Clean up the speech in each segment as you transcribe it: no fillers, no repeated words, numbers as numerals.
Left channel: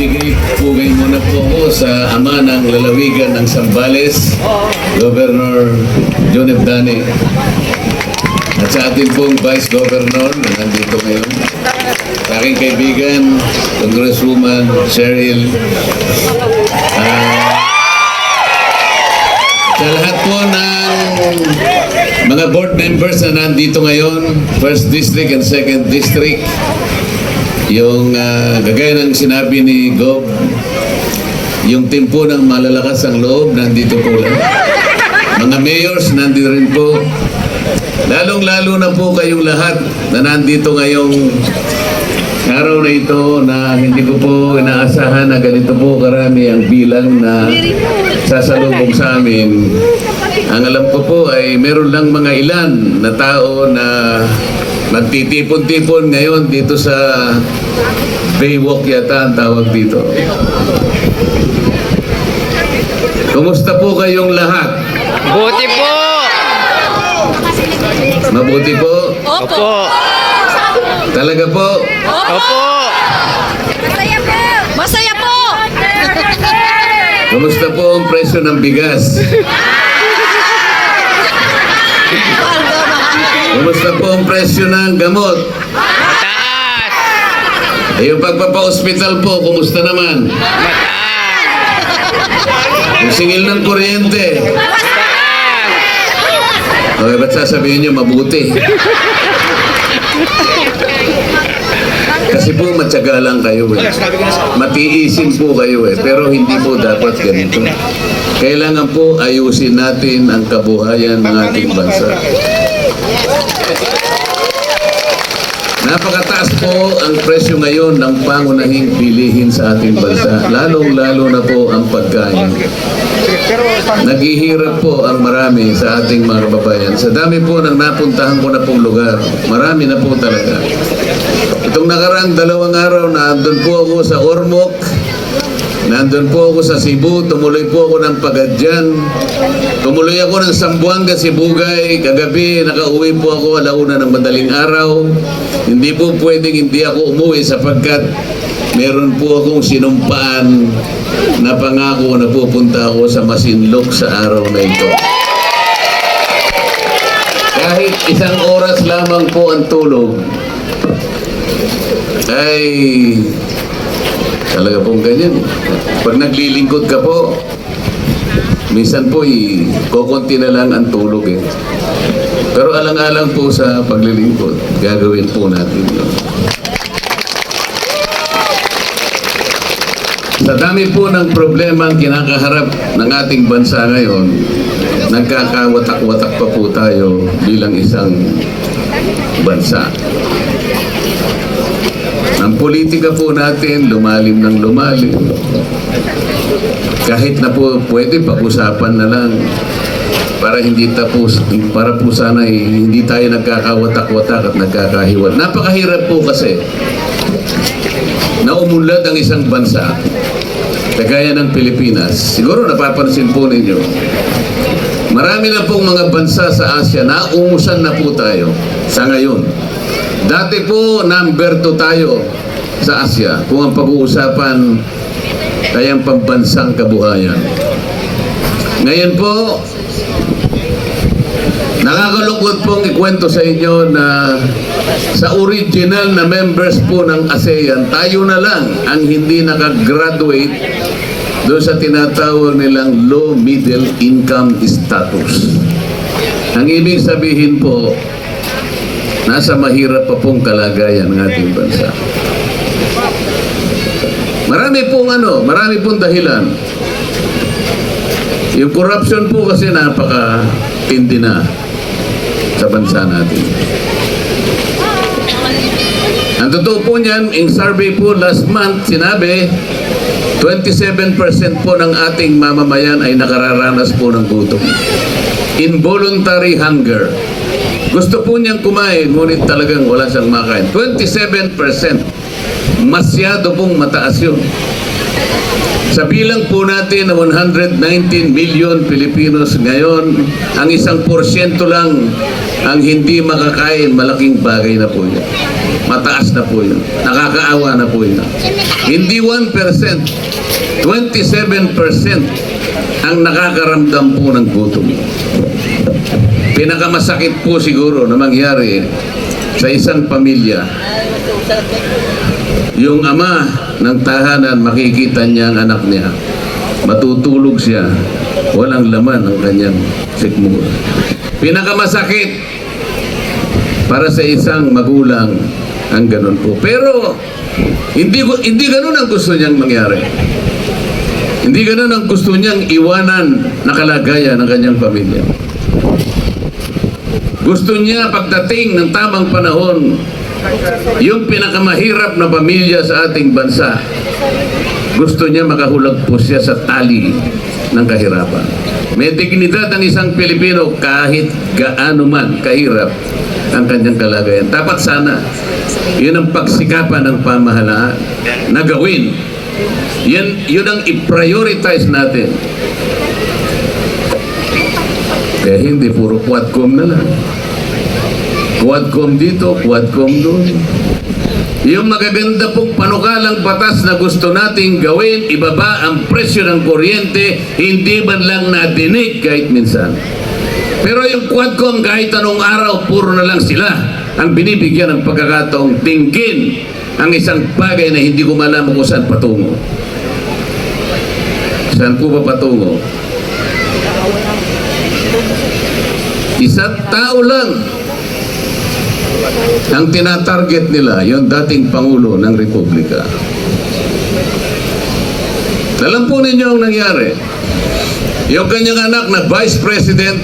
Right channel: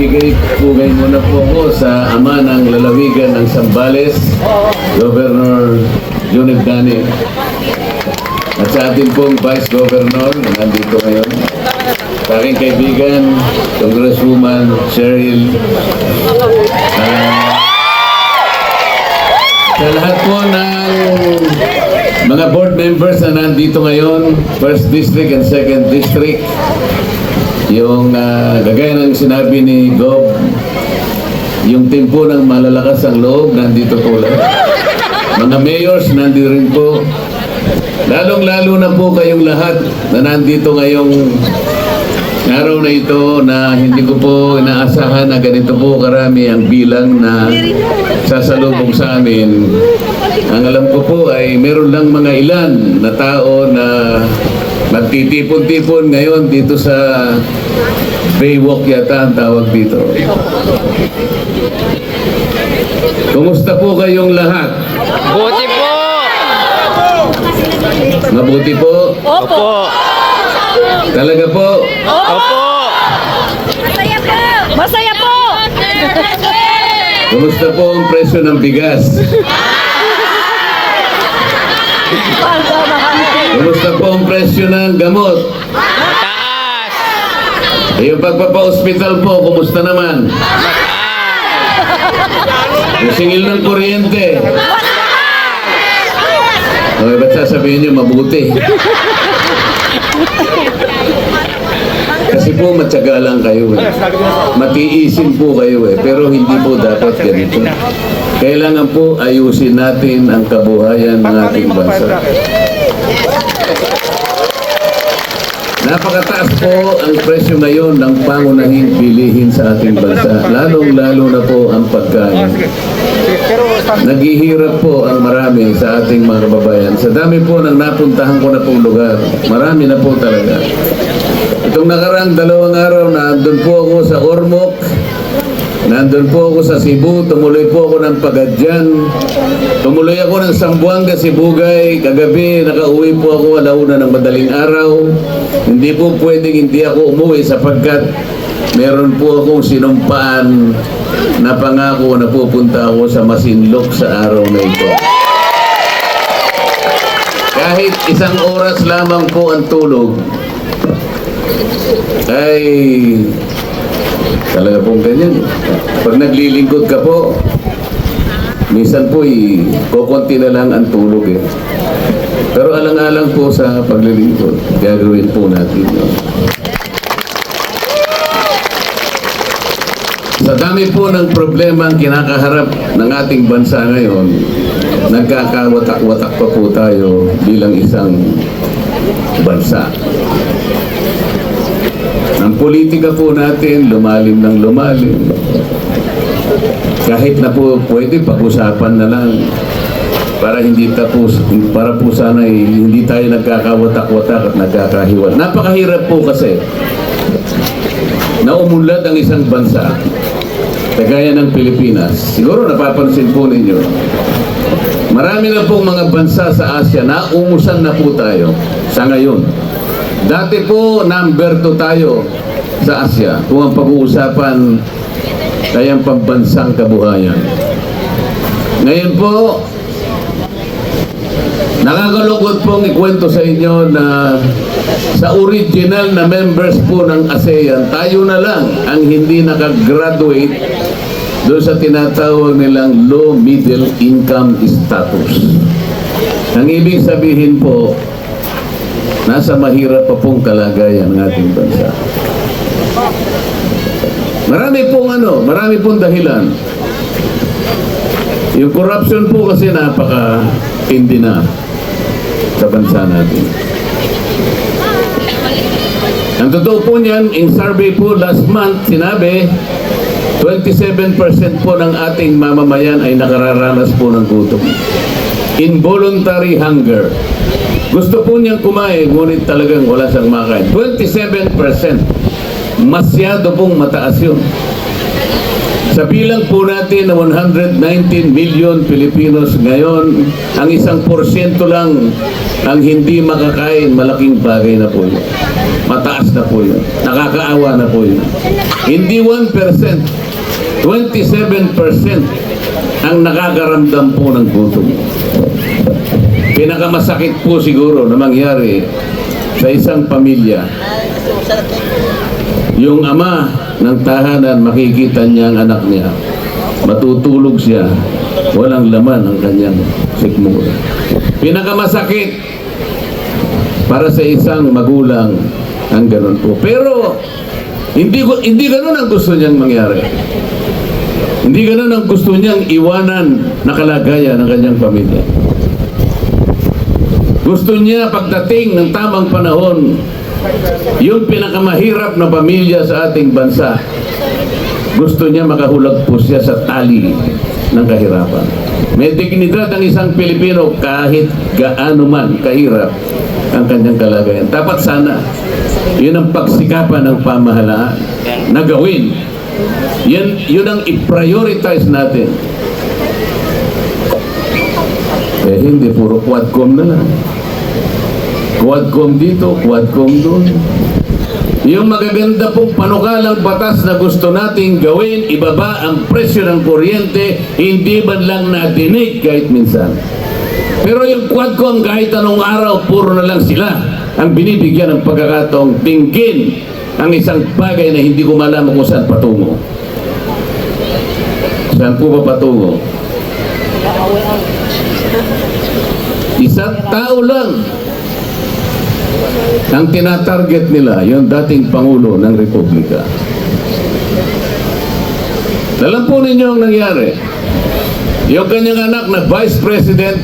magbibigay pugay muna po ako sa ama ng lalawigan ng Zambales, Governor John F. Dani. At sa atin pong Vice Governor na nandito ngayon, sa aking kaibigan, Congresswoman Cheryl. Sa lahat po ng mga board members na nandito ngayon, 1st District and 2nd District, yung gagaya ng sinabi ni Gob, yung team po ng malalakas ang loob, nandito po lang. Mga mayors, nandito rin po. Lalong-lalo na po kayong lahat na nandito ngayong araw na ito na hindi ko po inaasahan na ganito po karami ang bilang na sasalubong sa amin. Ang alam ko po ay meron lang mga ilan na tao na nagtitipon-tipon ngayon dito sa Baywalk yata ang tawag dito. Kumusta po kayong lahat? Buti po! Mabuti po? Opo! Talaga po? Opo! Masaya po! Masaya po! Kumusta po ang presyo ng bigas? Kumusta po ang presyo ng gamot? Mataas! Yung pagpapa-hospital po, kumusta naman? Mataas! Yung singil ng kuryente? Okay, ba't sasabihin niyo mabuti? Kasi po matyaga lang kayo eh. Matiisin po kayo eh. Pero hindi po dapat ganito. Kailangan po ayusin natin ang kabuhayan ng ating bansa. Napakataas po ang presyo ngayon ng pangunahing bilihin sa ating bansa. Lalong-lalo na po ang pagkain. Naghihirap po ang marami sa ating mga kababayan. Sa dami po ng napuntahan ko na pong lugar, marami na po talaga. Itong nakaraang 2 araw na nandun po ako sa Ormoc, nandun po ako sa Cebu, tumuloy po ako ng Pagadian, tumuloy ako ng Zamboanga, Sibugay, kagabi nakauwi po ako 1:00 ng madaling araw. Hindi po pwedeng hindi ako umuwi sapagkat meron po akong sinumpaan na pangako na pupunta ako sa Masinloc sa araw na ito. Kahit 1 oras lamang po ang tulog, ay talaga pong ganyan. Pag naglilingkod ka po, minsan po kukunti na lang ang tulog eh. Pero alang-alang po sa paglilingkod, gagawin po natin yun. Sa dami po ng problema ang kinakaharap ng ating bansa ngayon, nagkakawatak-watak pa po tayo bilang isang bansa. Ang politika po natin, lumalim ng lumalim. Kahit na po pwede, pag-usapan na lang. Para po sana hindi tayo nagkakawatak-watak at nagkakahiwat. Napakahirap po kasi na umunlad ang isang bansa kagaya ng Pilipinas. Siguro napapansin po ninyo, marami na pong mga bansa sa Asia na umusan na po tayo sa ngayon. Dati po number 2 tayo sa Asia kung ang pag-uusapan ay ang pambansang kabuhayan. Ngayon po, nakakalungkot pong ikwento sa inyo na sa original na members po ng ASEAN, tayo na lang ang hindi nakagraduate doon sa tinatawag nilang low middle income status. Ang ibig sabihin po, nasa mahirap pa pong kalagayan ng ating bansa. Marami pong dahilan. Yung corruption po kasi napaka-tindi na sa bansa natin. Ang totoo po niyan, in survey po last month, sinabi, 27% po ng ating mamamayan ay nakararanas po ng gutom. Involuntary hunger. Gusto po niyang kumain, ngunit talagang wala siyang makain. 27%. Masyado pong mataas yun. Sa bilang po natin na 119 million Pilipinos ngayon, ang 1% lang ang hindi makakain, malaking bagay na po yun. mataas na po yun. Nakakaawa na po yun. Hindi 1%, 27% ang nakakaramdam po ng gutom. Pinakamasakit po siguro na mangyari sa isang pamilya, yung ama ng tahanan, makikita niya ang anak niya, matutulog siya, walang laman ang kanyang sikmura. Pinakamasakit para sa isang magulang ang ganun po. Pero hindi ganun ang gusto niyang mangyari. Hindi ganun ang gusto niyang iwanan na kalagayan ng kanyang pamilya. Gusto niya pagdating ng tamang panahon, yung pinakamahirap na pamilya sa ating bansa, gusto niya makahulag po siya sa tali ng kahirapan. May dignidad ang isang Pilipino kahit gaano man kahirap ang kanyang kalagayan. Dapat sana, yun ang pagsikapan ng pamahalaan na gawin. Yun ang i-prioritize natin. Kaya hindi puro quadcom na lang. Quadcom dito, quadcom doon. Yung magaganda pong panukalang batas na gusto nating gawin, ibaba ang presyo ng kuryente, hindi man lang nadinig kahit minsan. Pero yung quadcom kahit anong araw, puro na lang sila ang binibigyan ng pagkakataong tingin ang isang bagay na hindi ko malaman kung saan patungo. Saan po ba patungo? Isang tao lang ang tinatarget nila, yung dating Pangulo ng Republika. Alam po ninyo ang nangyari. Yung kanyang anak na Vice President,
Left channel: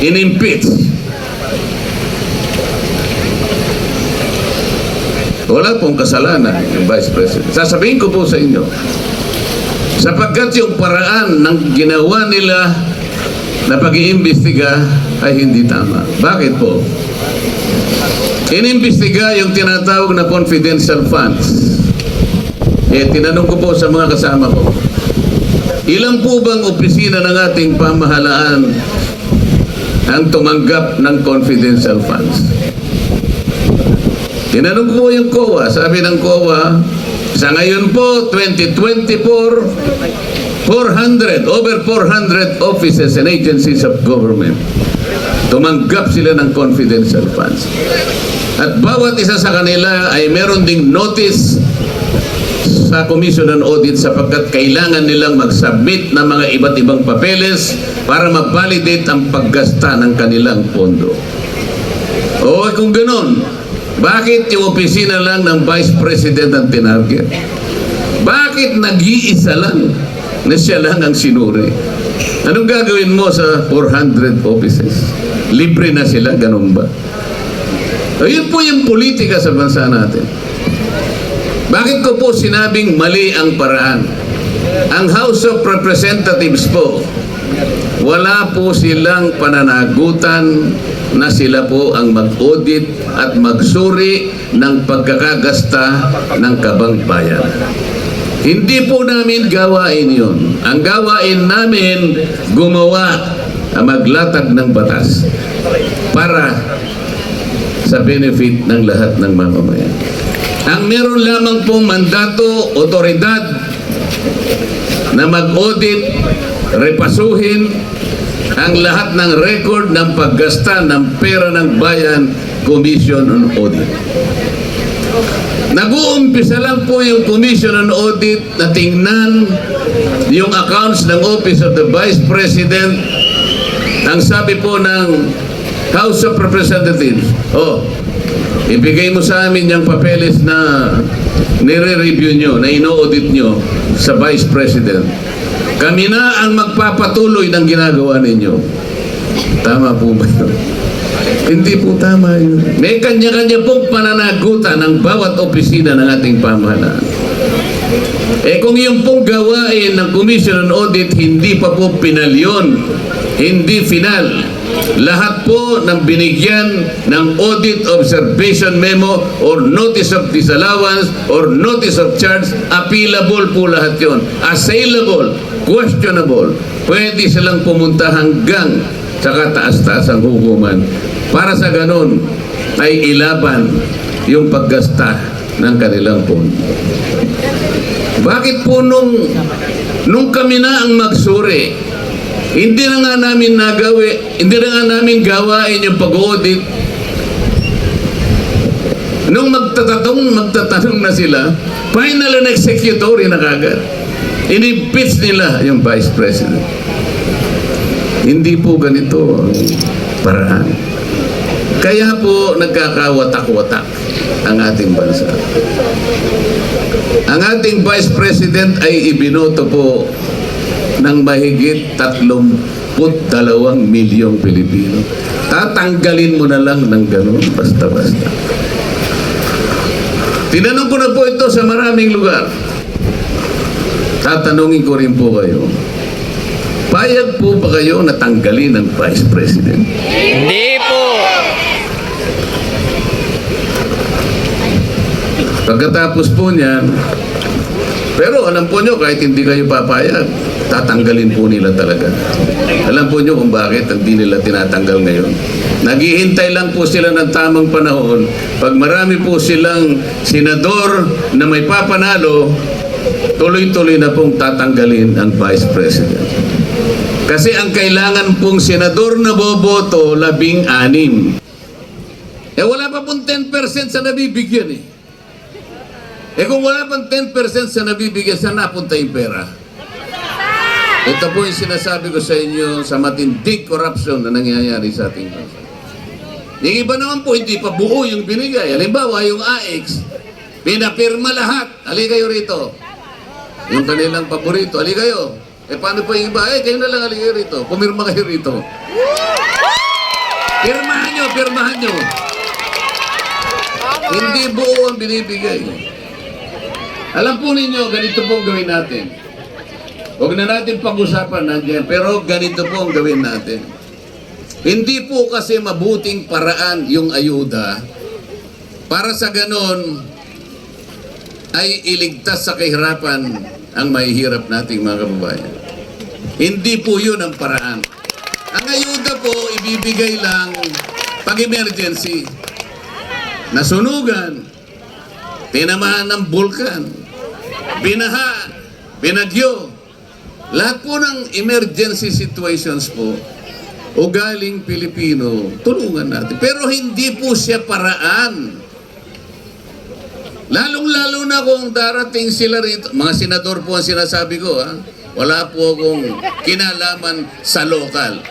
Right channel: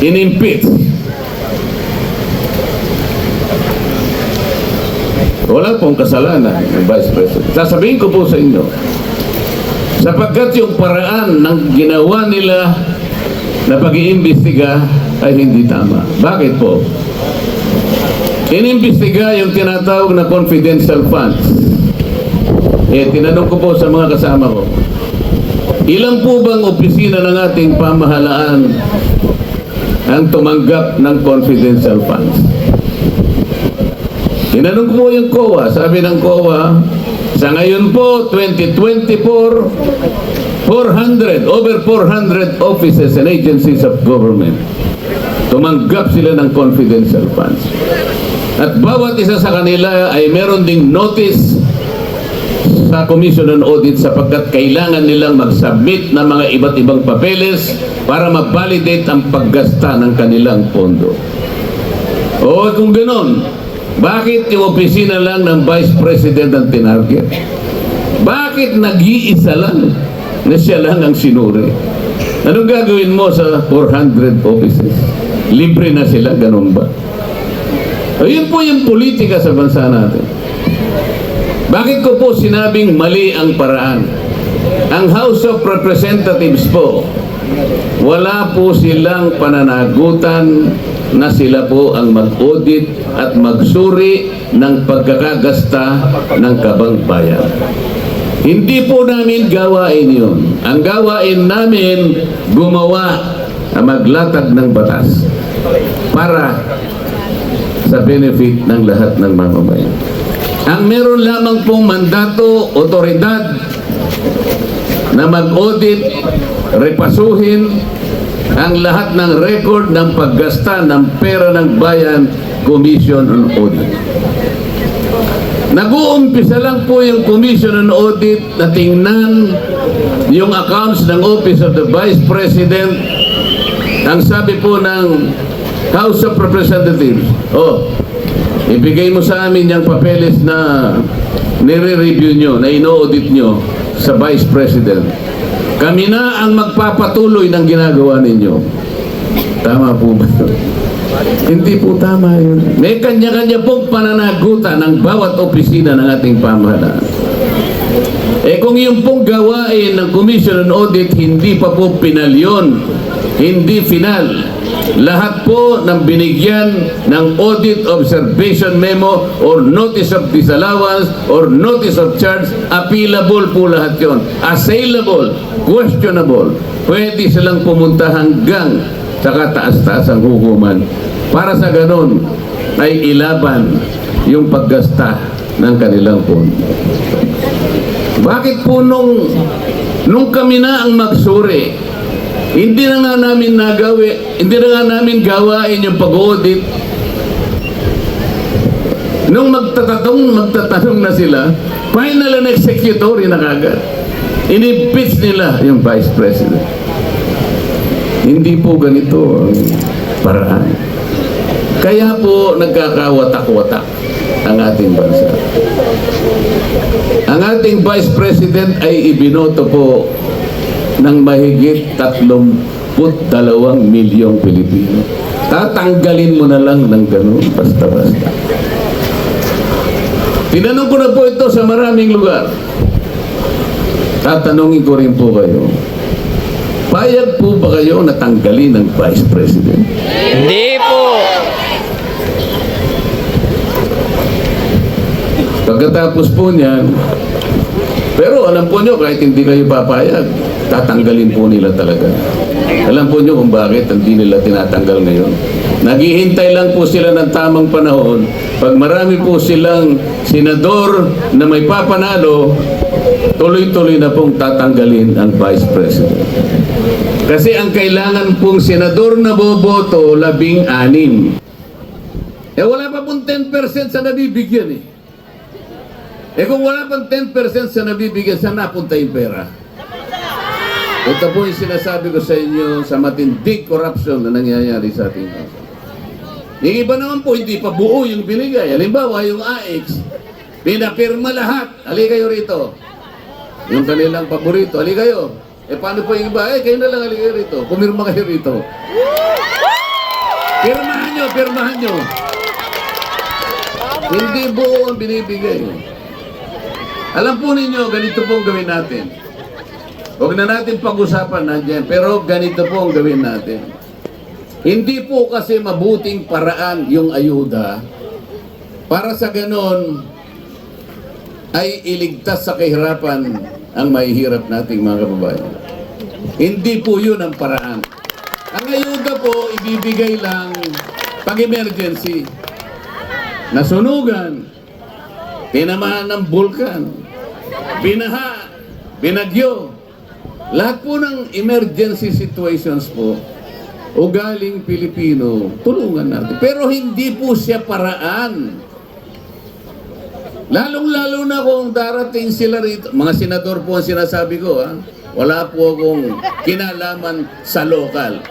in-impeach. Wala pong kasalanan yung Vice President. Sasabihin ko po sa inyo, sapagkat yung paraan ng ginawa nila na pag-iimbestiga ay hindi tama. Bakit po? Inimbestiga yung tinatawag na confidential funds. Tinanong ko po sa mga kasama ko, ilan po bang opisina ng ating pamahalaan ang tumanggap ng confidential funds? Tinanong ko po yung COA. Sabi ng COA, sa ngayon po, 2024, over 400 offices and agencies of government tumanggap sila ng confidential funds. At bawat isa sa kanila ay meron ding notice sa Commission on Audit sapagkat kailangan nilang mag-submit ng mga iba't ibang papeles para ma-validate ang paggasta ng kanilang pondo. O kung ganoon, bakit yung opisina lang ng Vice President ang tinarget? Bakit nag-iisa lang na siya lang ang sinuri? Anong gagawin mo sa 400 offices? Libre na sila, ganun ba? Ayun po yung politika sa bansa natin. Bakit ko po sinabing mali ang paraan? Ang House of Representatives po, wala po silang pananagutan na sila po ang mag-audit at magsuri ng pagkakagasta ng kabang bayan. Hindi po namin gawain yun. Ang gawain namin, gumawa na maglatag ng batas para sa benefit ng lahat ng mamamayan. Ang meron lamang pong mandato, otoridad na mag-audit, repasuhin ang lahat ng record ng paggasta ng pera ng bayan, Commission on Audit. Nag-uumpisa lang po yung Commission on Audit na tingnan yung accounts ng Office of the Vice President. Ang sabi po ng House of Representatives, ibigay mo sa amin yung papeles na nire-review nyo, na ino-audit nyo sa Vice President. Kami na ang magpapatuloy ng ginagawa ninyo. Tama po ba yun? Hindi po tama yun. May kanya-kanya pong pananagutan ng bawat opisina ng ating pamahalaan. Kung yung pong gawain ng Commission on Audit hindi pa po pinalyon, hindi final, lahat po ng binigyan ng audit observation memo or notice of disallowance or notice of charge, appealable po lahat yon. Assailable, questionable. Pwede silang pumunta hanggang sa kataas-taas ang hukuman para sa ganon ay ilaban yung paggasta ng kanilang pondo. Bakit po nung kami na ang magsuri, hindi na nga namin hindi na nga namin gawain yung pag-audit. Nung magtatanong na sila, final and executory na kagad. Inimpeach nila yung Vice President. Hindi po ganito ang paraan. Kaya po nagkakawatak-watak ang ating bansa. Ang ating Vice President ay ibinoto po ng mahigit 32 milyong Pilipino. Tatanggalin mo na lang ng ganun, basta-basta. Tinanong ko na po ito sa maraming lugar. Tatanungin ko rin po kayo. Payag po ba kayo na tanggalin ng Vice President? Hindi po. Pagkatapos po niyan, pero alam po nyo, kahit hindi kayo papayag, tatanggalin po nila talaga. Alam po nyo kung bakit hindi nila tinatanggal ngayon. Naghihintay lang po sila ng tamang panahon. Pag marami po silang senador na may papanalo, tuloy-tuloy na pong tatanggalin ang Vice President. Kasi ang kailangan pong senador na boboto, 16. Wala pa pong 10% sa nabibigyan eh. Kung wala pang 10% sa nabibigyan, saan napunta yung pera? Ito po yung sinasabi ko sa inyo sa matinding corruption na nangyayari sa ating bansa. Yung iba naman po, hindi pa buo yung binigay. Halimbawa, yung AX, pinapirma lahat. Ali kayo rito. Yung kanilang paborito, ali kayo. Paano po yung iba? Kayo na lang ali kayo rito. Pumirma kayo rito. Pirmahan nyo. Hindi buo ang binibigay. Alam po ninyo, ganito po ang gawin natin. Huwag na natin pag-usapan nandiyan, pero ganito po ang gawin natin. Hindi po kasi mabuting paraan yung ayuda para sa ganon ay iligtas sa kahirapan ang mahihirap nating mga kababayan. Hindi po yun ang paraan. Ang ayuda po, ibibigay lang pag-emergency. Nasunugan, tinamaan ng bulkan, binaha, binagyo. Lahat po ng emergency situations po, ugaling Pilipino, tulungan natin. Pero hindi po siya paraan. Lalong-lalo na kung darating sila rito. Mga senador po ang sinasabi ko, ha? Wala po akong kinalaman sa lokal.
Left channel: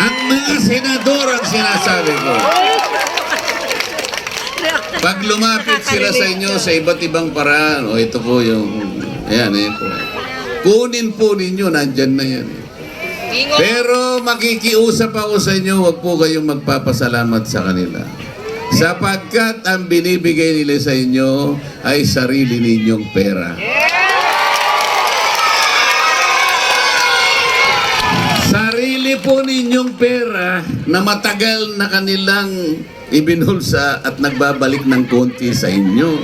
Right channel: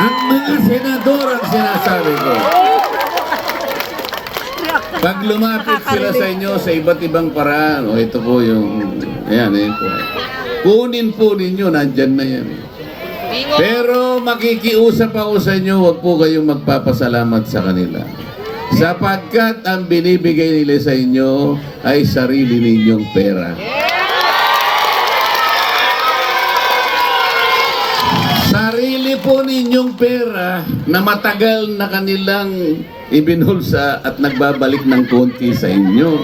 Ang mga senador ang sinasabi ko. Pag lumapit sila sa inyo sa iba't ibang paraan, ito po yung, ayan, po. Kunin po ninyo, nandyan na yan. Pero makikiusap ako sa inyo, huwag po kayong magpapasalamat sa kanila. Sapagkat ang binibigay nila sa inyo ay sarili ninyong pera. Sarili po ninyong pera na matagal na kanilang ibinulsa at nagbabalik ng konti sa inyo.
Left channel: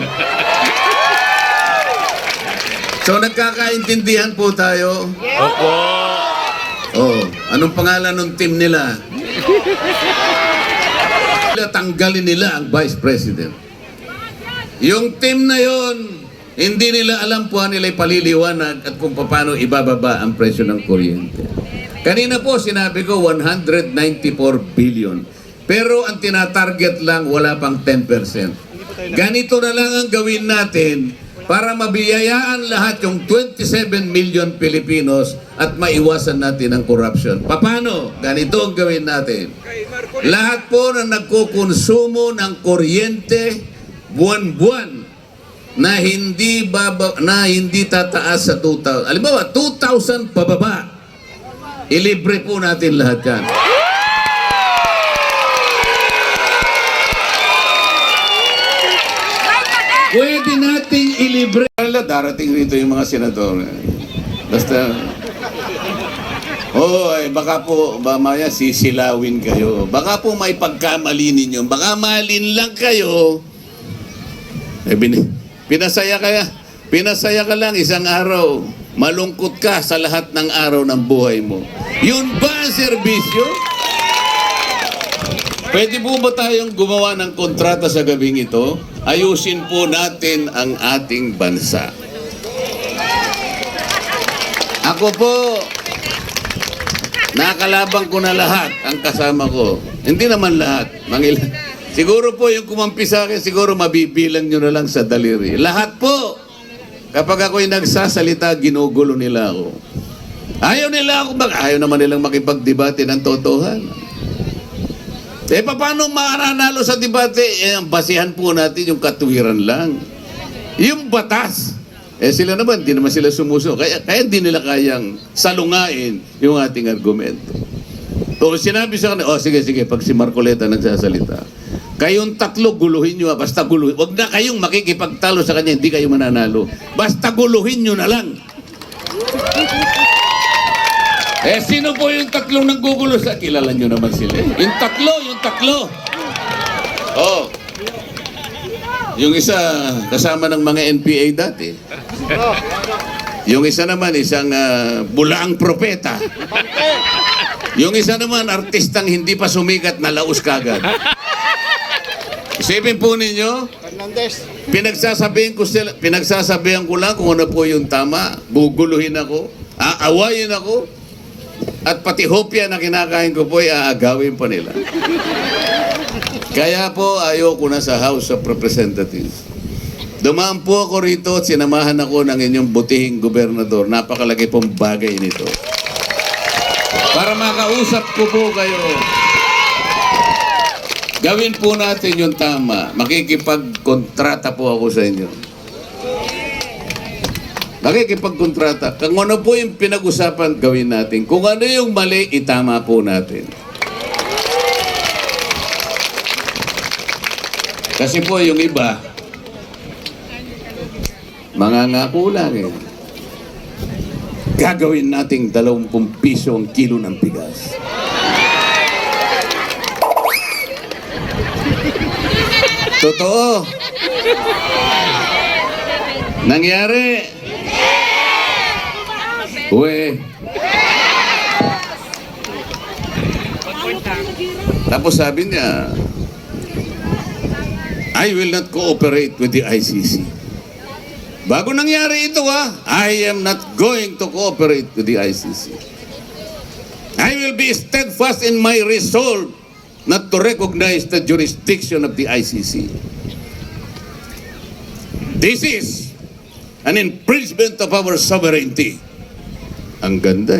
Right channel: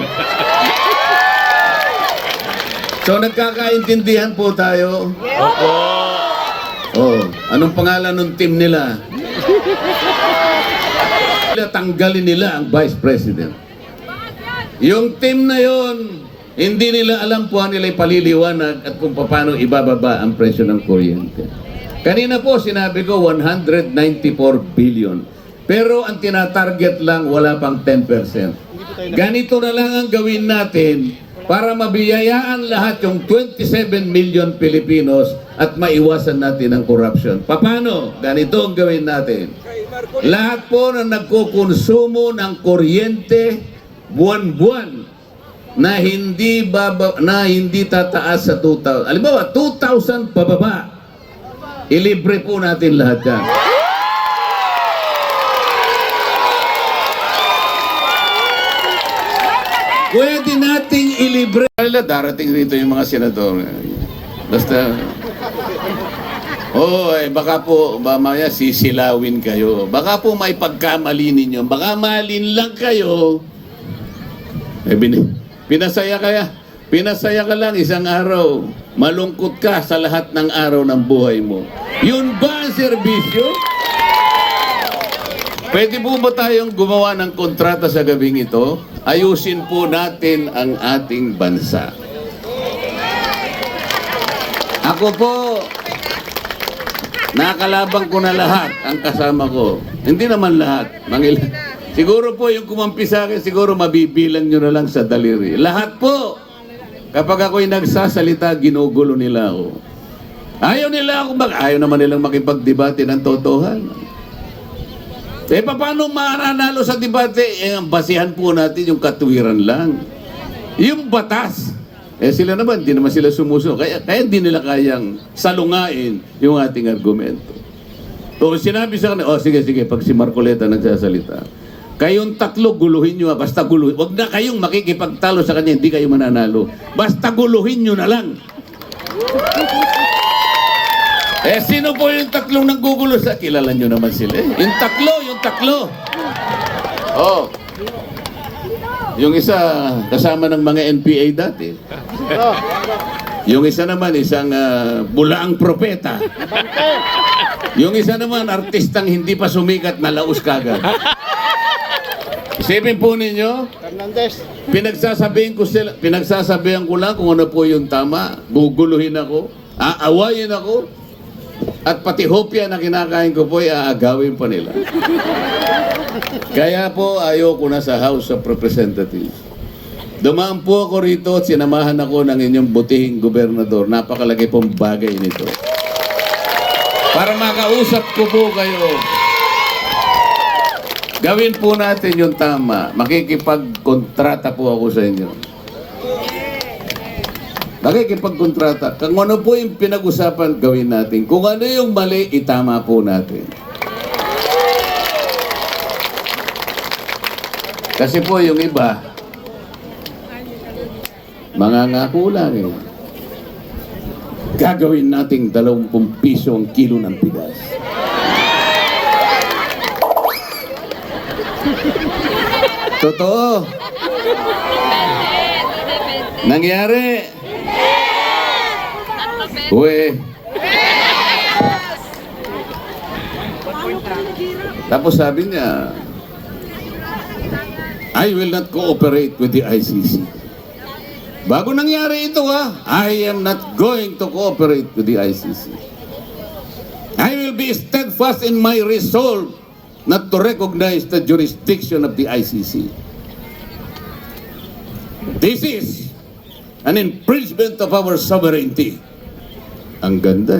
So nagkakaintindihan po tayo? Opo. Anong pangalan ng team nila? Tanggalin nila ang Vice President. Yung team na yon, hindi nila alam po nila paliliwanag at kung paano ibababa ang presyo ng kuryente. Kanina po sinabi ko 194 billion. Pero ang tinatarget lang wala pang 10%. Ganito na lang ang gawin natin para mabiyayaan lahat yung 27 million Pilipinos at maiwasan natin ang corruption. Paano? Ganito ang gawin natin. Lahat po na nagkukonsumo ng kuryente buwan-buwan na hindi tataas sa 2,000. Halimbawa, 2,000 pababa. Ilibre po natin lahat yan. Pwede nating ilibre. Darating rito yung mga senador. Basta, baka po, mamaya sisilawin kayo. Baka po may pagkamali ninyo. Baka malin lang kayo. Pinasaya ka lang isang araw. Malungkot ka sa lahat ng araw ng buhay mo. Yun ba ang serbisyo? Pwede po ba tayong gumawa ng kontrata sa gabing ito? Ayusin po natin ang ating bansa. Ako po, nakalabang ko na lahat ang kasama ko. Hindi naman lahat. Siguro po yung kumampi sa akin, siguro mabibilang nyo na lang sa daliri. Lahat po. Kapag ako'y nagsasalita, ginugulo nila ako. Ayaw ayaw naman nilang makipagdebate ng totohanan. Paano mananalo sa debate? Ang basihan po natin yung katuwiran lang. Yung batas. Sila naman, di naman sila sumuso. Kaya di nila kayang salungain yung ating argumento. So sinabi sa kanila, sige, pag si Marcoleta nagsasalita, kayong tatlo guluhin nyo, basta guluhin. Huwag na kayong makikipagtalo sa kanya, hindi kayo mananalo. Basta guluhin nyo na lang. Sino po yung tatlong nanggugulo sa? Kilala nyo naman sila. Yung tatlo. Oh. Yung isa, kasama ng mga NPA dati. Yung isa naman, isang bulaang propeta. Yung isa naman, artistang hindi pa sumikat na laos kagad. Isipin po ninyo, pinagsasabihan ko lang kung ano po yung tama, guguluhin ako, aawayin ako, at pati hopya na kinakain ko po ay aagawin pa nila. Kaya po ayoko na sa House of Representatives. Dumaan po ako rito at sinamahan ako ng inyong butihing gobernador. Napakalaki pong bagay nito. Para makausap ko po kayo. Gawin po natin yung tama. Makikipagkontrata po ako sa inyo. Nakikipagkontrata. Kung ano po yung pinag-usapan, gawin natin. Kung ano yung mali, itama po natin. Kasi po yung iba, mangangako lang eh. Gagawin nating 20 piso ang kilo ng bigas. Totoo. Nangyari. Uwe. Tapos sabi niya, I will not cooperate with the ICC. Bago nangyari ito I am not going to cooperate with the ICC. I will be steadfast in my resolve not to recognize the jurisdiction of the ICC. This is an infringement of our sovereignty. Ang ganda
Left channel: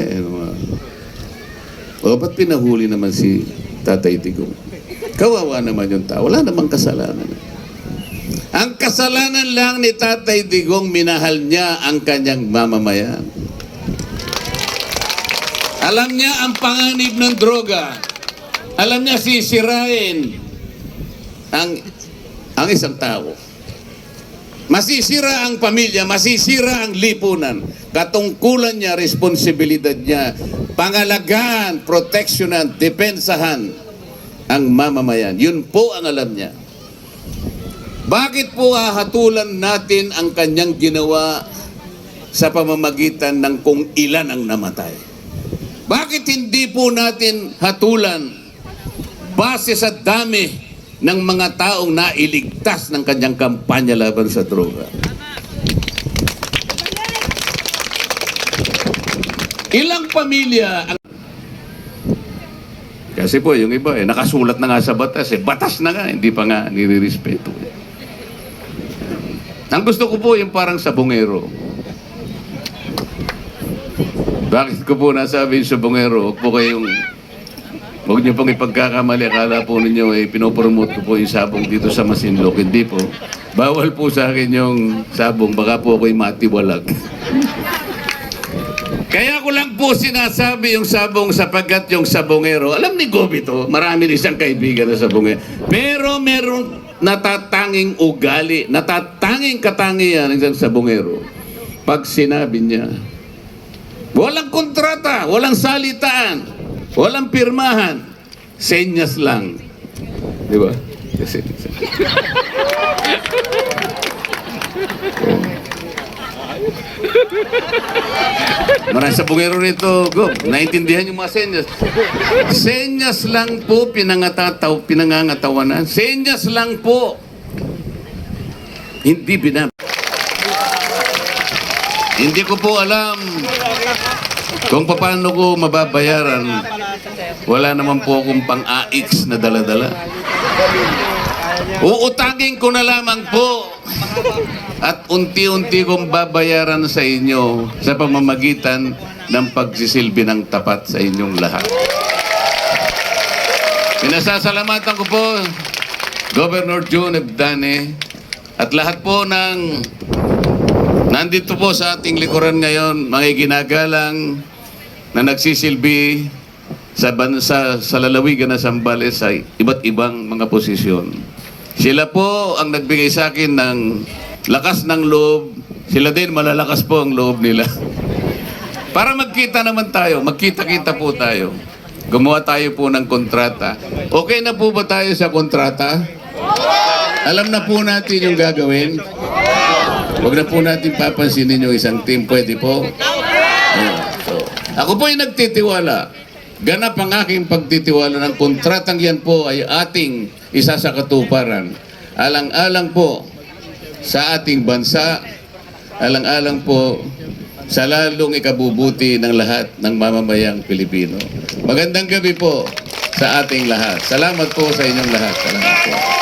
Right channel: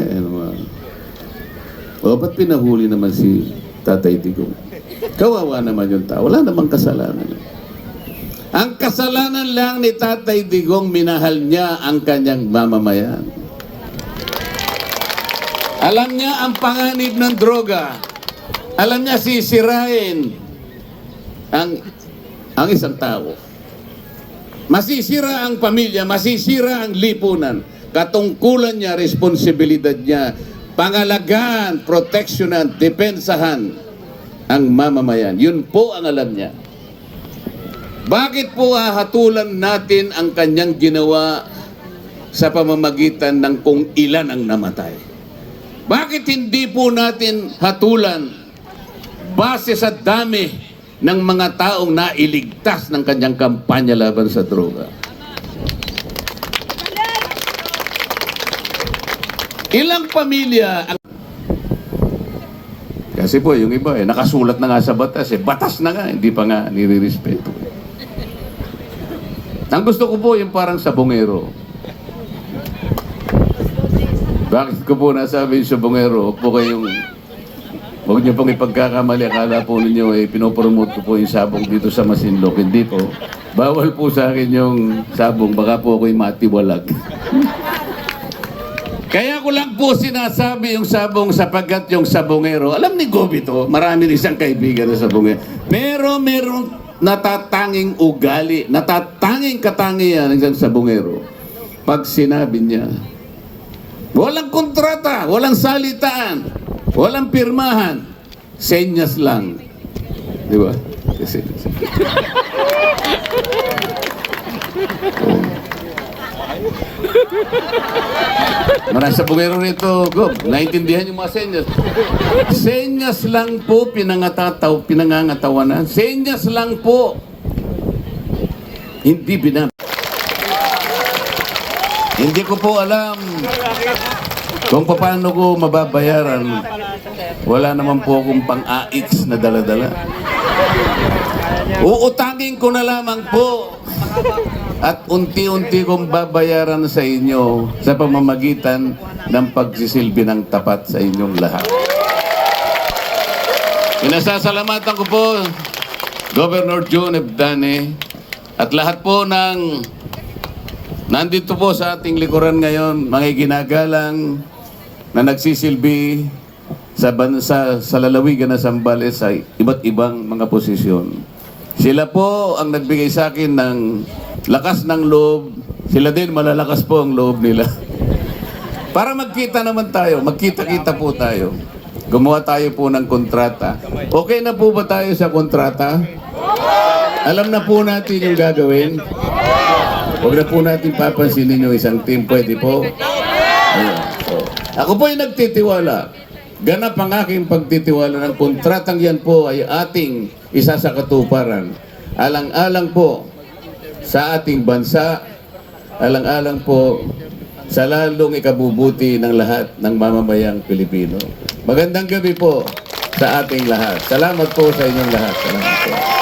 ba't pinahuli naman si Tatay Digong? Kawawa naman yung tao. Wala namang kasalanan. Ang kasalanan lang ni Tatay Digong, minahal niya ang kanyang mamamayan. Alam niya ang panganib ng droga. Alam niya sisirain ang isang tao. Masisira ang pamilya, masisira ang lipunan. Katungkulan niya, responsibilidad niya, pangalagaan, proteksyonan, depensahan ang mamamayan. Yun po ang alam niya. Bakit po hahatulan natin ang kanyang ginawa sa pamamagitan ng kung ilan ang namatay? Bakit hindi po natin hatulan base sa dami ng mga taong nailigtas ng kanyang kampanya laban sa droga? Ilang pamilya ang... Kasi po yung iba nakasulat na nga sa batas batas na nga, hindi pa nga nire-respeto. Ang gusto ko po yung parang sabongero. Bakit ko po nasabi yung sabongero? Huwag niyo pong ipagkakamali. Akala po ninyo pinopromote ko po yung sabong dito sa Masinloc. Hindi po. Bawal po sa akin yung sabong. Baka po ako'y matiwalag. Kaya ko lang po sinasabi yung sabong sapagkat yung sabongero, alam ni Gobi to, marami rin siyang kaibigan na sabongero. Pero meron natatanging ugali, natatanging katangian ng isang sabongero. Pag sinabi niya, walang kontrata, walang salitaan, walang pirmahan, senyas lang. Di ba? Kasi... Marami sa bungero rito, Gob. Naintindihan yung mga senyas. Senyas lang po pinangangatawanan. Senyas lang po. Hindi Hindi ko po alam kung paano ko mababayaran. Wala naman po akong pang-AX na dala-dala. Uutangin ko na lamang po. At unti-unti kong babayaran sa inyo sa pamamagitan ng pagsisilbi ng tapat sa inyong lahat. Pinasasalamatan ko po Governor June Ebdane at lahat po ng nandito po sa ating likuran ngayon, mga ginagalang na nagsisilbi sa bansa, sa lalawigan na Zambales sa iba't ibang mga posisyon. Sila po ang nagbigay sa akin ng lakas ng loob. Sila din malalakas po ang loob nila. Para magkita naman tayo, magkita-kita po tayo. Gumawa tayo po ng kontrata. Okay na po ba tayo sa kontrata? Alam na po natin yung gagawin. Huwag na po natin papansinin yung isang team. Pwede po? Ayan. So, ako po ay nagtitiwala. Ganap ang aking pagtitiwala ng kontratang yan po ay ating isa sa katuparan. Alang-alang po sa ating bansa, alang-alang po sa lalong ikabubuti ng lahat ng mamamayang Pilipino. Magandang gabi po sa ating lahat. Salamat po sa inyong lahat. Salamat po.